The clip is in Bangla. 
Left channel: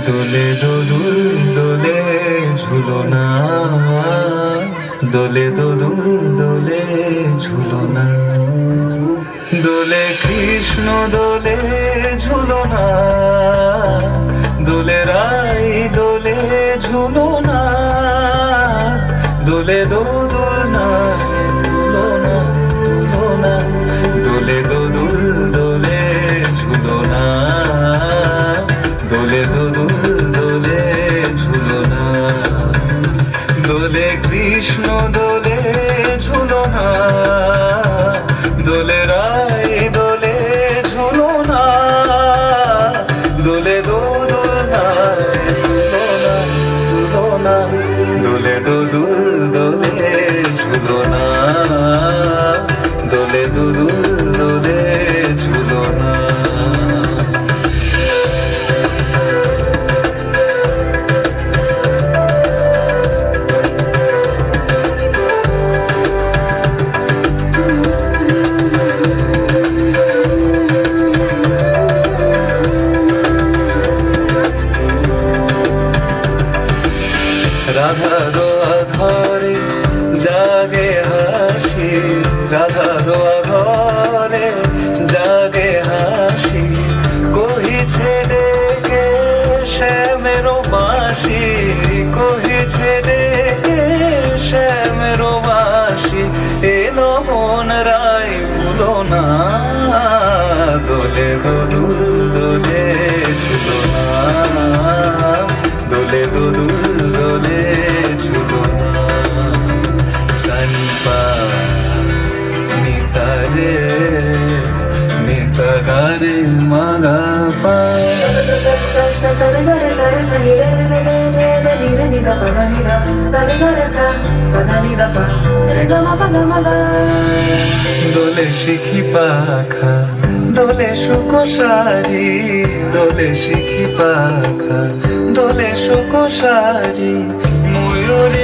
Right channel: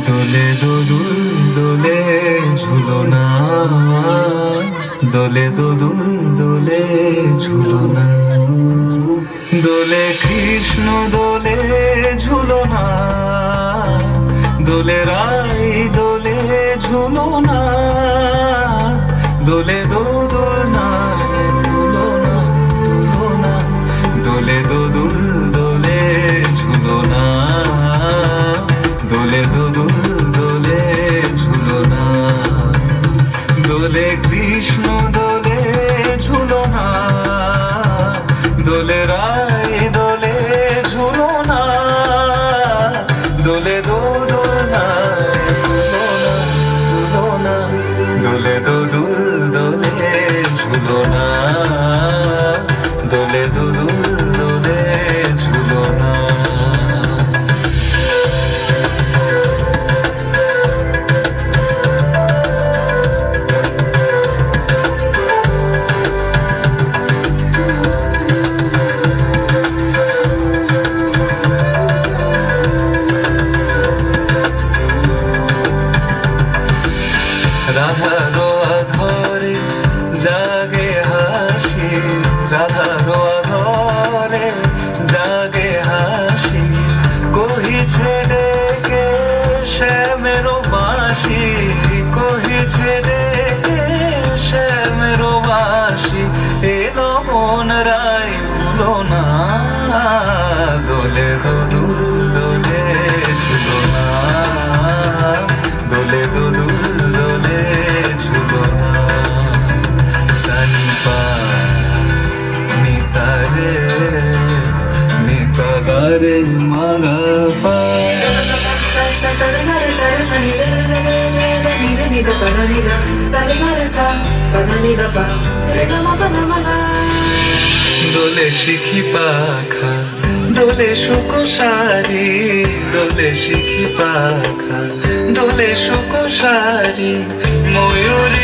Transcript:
দোলে দোদুল দোলে ঝুলনা, দোলে দোদুল দোলে ঝুলনা, দোলে কৃষ্ণ দোলে ঝুলনা, দোলে রাই দোলে ঝুলনা, দোলে দোদুল না ঝুলনা ঝুলনা, দোলে দোদুল দোলে ঝুলনা, দোলে দোদুল দোলে ঝুলনা, দোলে কৃষ্ণ দোলে ঝুলনা, দোলে রাই দোলে ঝুলনা, দোলে দোদুল না ঝুলনা, দোলে দোদুল দোলে ঝুলনা, দোলে দোদুল দোলে ঝুলনা। রাধারো আধরে জাগে হাসি, রাধারো আধরে জাগে হাসি, কহিছে ডেকে শ্যামেরো বাঁশি, কহিছে ডেকে শ্যামেরো বাঁশি, এলো মন রাই ভুলো না, দোলে দোদুল দোলে ঝুলনা, দোলে দোদুল দোলে ঝুলনা, সানিপা নিসারে নিসাগারে মাগাপা, দোলে শিখি পাখা দোলে সুকোসারি, দোলে শিখি পাখা দোলে সুকোসারি, ময়ূরী